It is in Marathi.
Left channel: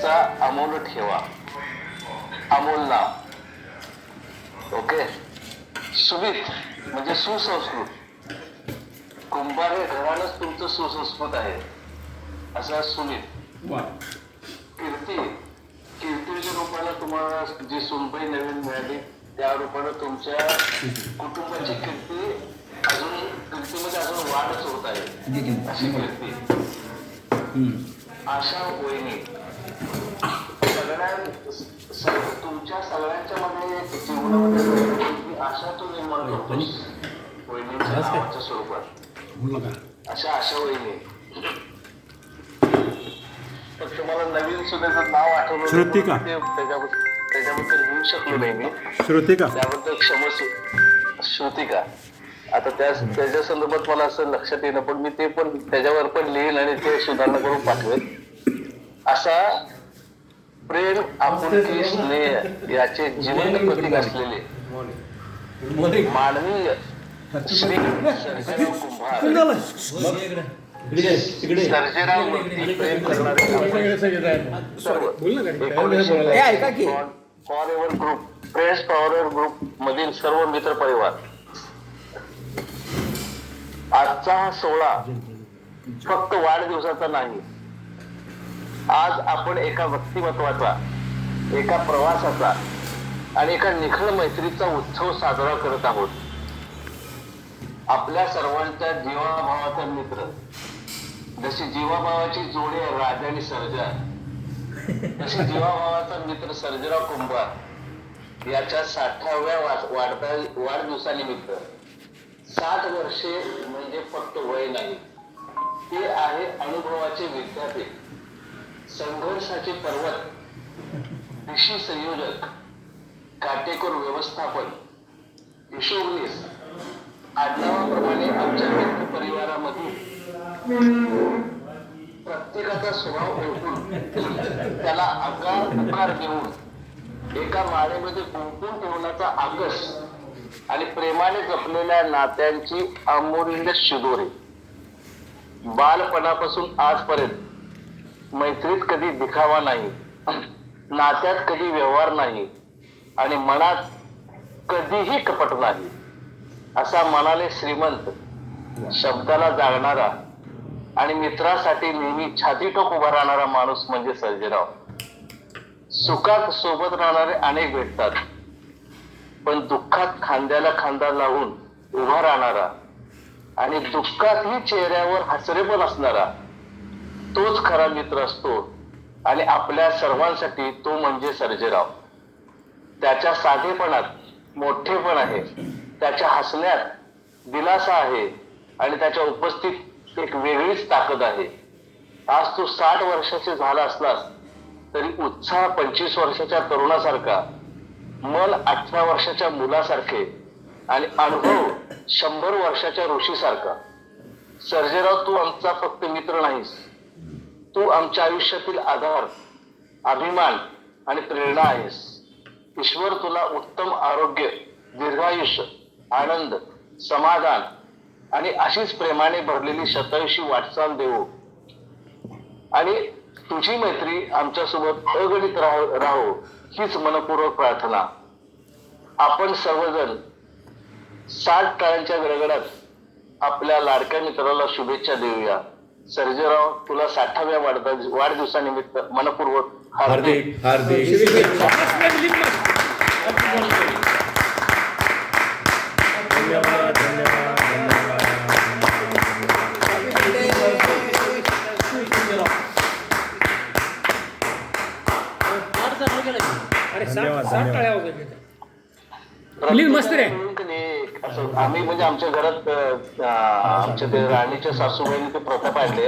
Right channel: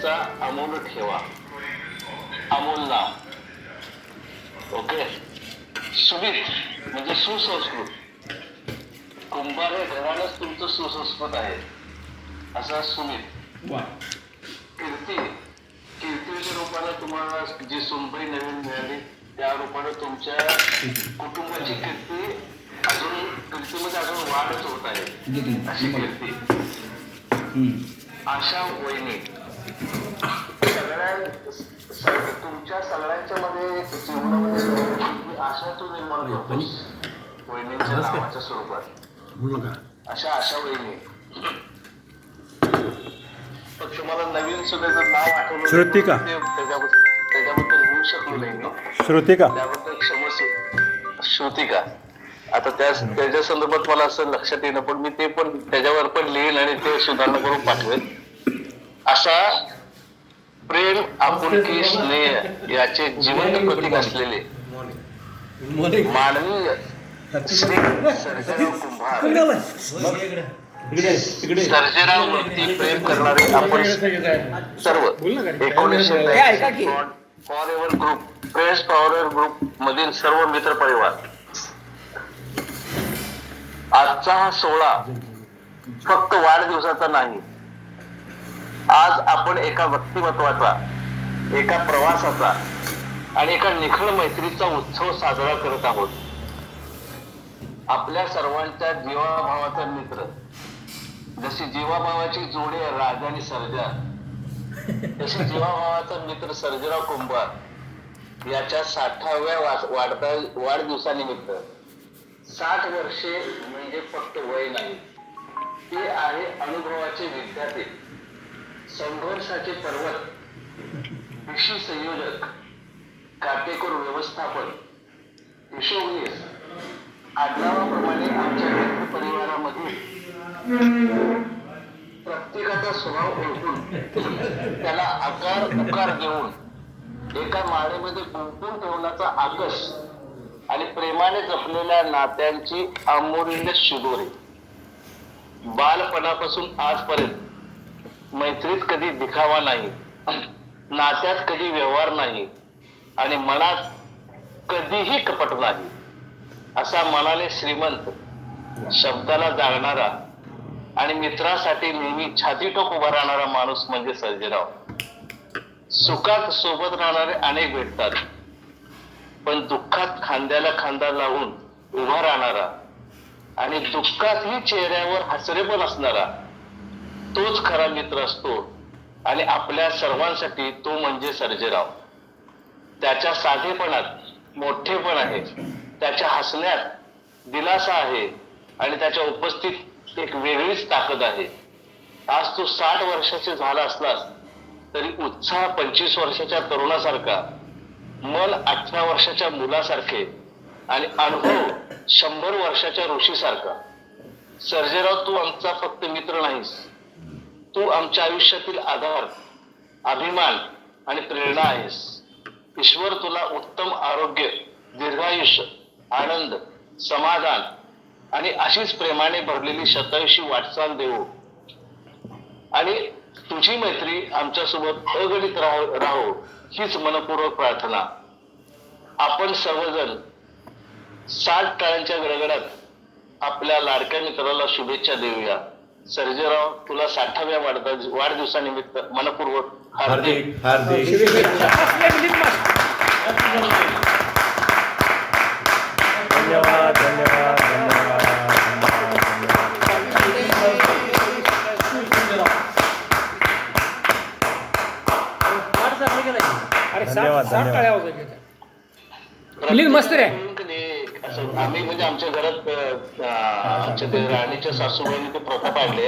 श्रीमंतीचा अमोल ठेवा, अमोल नाव. ओके. सुमित म्हणजे सुसंस्कृत. कुंभार हे घरानंच तुमचं सुसंस्कृत आहे, असा सुमित. कीर्ती, कीर्तीच्या रूपानं तुम्हाला जी सुनबाई नवीन मिळाली त्या रूपानं तुमच्या कुटुंबाची कीर्ती अजून, कीर्तीमध्ये अजून वाढच होत आहे, अशी कीर्ती. आशा वहिनी, तुमच्या सगळ्यांच्या मध्ये आशा तो निर्माण करतोस वहिनीच्या नावाच्या स्वरूपात. अशा आशा वहिनी. पण तुम्हाला नवीन सुनेचं नाव आठवलं, श्रुतिका, त्याच्याबद्दल लिहू शकलो नाही मी. श्रुतिका, त्याबद्दल क्षमस्व. श्रुतिका. आता त्याच्या संदर्भात मला असं लक्षात येणं, पण मी ते पण त्याच्यावर पण लिहीन आणि ते सुधारणा करून पाठवेन. असा प्रेम, आपुलकी, स्नेह याचे जिवंत प्रतीक असलेले मानवीय श्री सर्जेराव कुंभार, सर्जेराव वरती प्रेम करणारे आपण सर्व 1980 forever group, press forever group मधील सर्व मित्र परिवार. आजचा हा सोहळा फक्त वाढदिवसाचा नाही. आज आपण एका व्यक्तिमत्वाचा, एका प्रवासाचा आणि एका निखळ मैत्रीचा उत्सव साजरा करत आहोत. आपल्या सर्वांच्या जीवाभावाचा मित्र, जशी जीवाभावाची जोडी आहे राजा आणि सर्जा, तशी जीवाभावाचा मित्र सर्जेराव कुंभार याच्या 60व्या वाढदिवसानिमित्त 60 वर्षे म्हणजे फक्त वय नाही, ते आहे अनुभवाचे विद्यापीठ, संघर्षाचे पर्वत, कृषी संयोजक, काटेकोर व्यवस्थापन, हिशोबनीस. आडनावाप्रमाणे आमच्या मित्र परिवारामध्ये प्रत्येकाचा स्वभाव ओळखून त्याला आकार उकार देऊन एका माळेमध्ये गुंफून ठेवण्याचा आकस आणि प्रेमाने जपलेल्या नात्यांची अमूल्य शिदोरी. बालपणापासून आजपर्यंत मैत्रीत कधी दिखावा नाही, नात्यात कधी व्यवहार नाही आणि मनात कधीही कपट नाही. असा मनाने श्रीमंत, शब्दाला जागणारा आणि मित्रासाठी नेहमी छातीटोक उभा राहणारा माणूस म्हणजे सर्जेराव. सुखात सोबत राहणारे अनेक भेटतात, पण दुःखात खांद्याला खांदा लावून उभा राहणारा आणि दुःखातही चेहऱ्यावर हसरेपण असणारा तोच खरा मित्र असतो. आणि आपल्या सर्वांसाठी तो म्हणजे सर्जेराव. त्याच्या साधेपणात मोठेपण आहे, त्याच्या हसण्यात दिलासा आहे आणि त्याच्या उपस्थित एक वेगळीच ताकद आहे. आज तू 60 वर्षाचे झाला असलास तरी उत्साह 25 वर्षाच्या तरुणासारखा, मन 18 वर्षाच्या मुलासारखे आणि अनुभव 100 वर्षाच्या ऋषीसारखा. सर्जेराव, तू आमचा फक्त मित्र नाहीस, तू आमच्या आयुष्यातील आधार, अभिमान आणि प्रेरणा आहेस. ईश्वर तुला उत्तम आरोग्य, दीर्घायुष्य, आनंद, समाधान आणि अशीच प्रेमाने भरलेली शतायुषी वाटचाल देऊ. आणि तुझी मैत्री आमच्यासोबत अगणित राहो हीच मनपूर्वक प्रार्थना. आपण सर्वजण 60 टाळ्यांच्या गडगडात आपल्या लाडक्या मित्राला शुभेच्छा देऊया. सर्जेराव, तुला 60व्या वाढदिवसानिमित्त मनपूर्वक हार्दिक शुभेच्छा. धन्यवाद, धन्यवाद, धन्यवाद. मस्त रे. आम्ही म्हणजे आमच्या घरात आमच्या राणीच्या सासूबाईंनी ते प्रथा पाडली.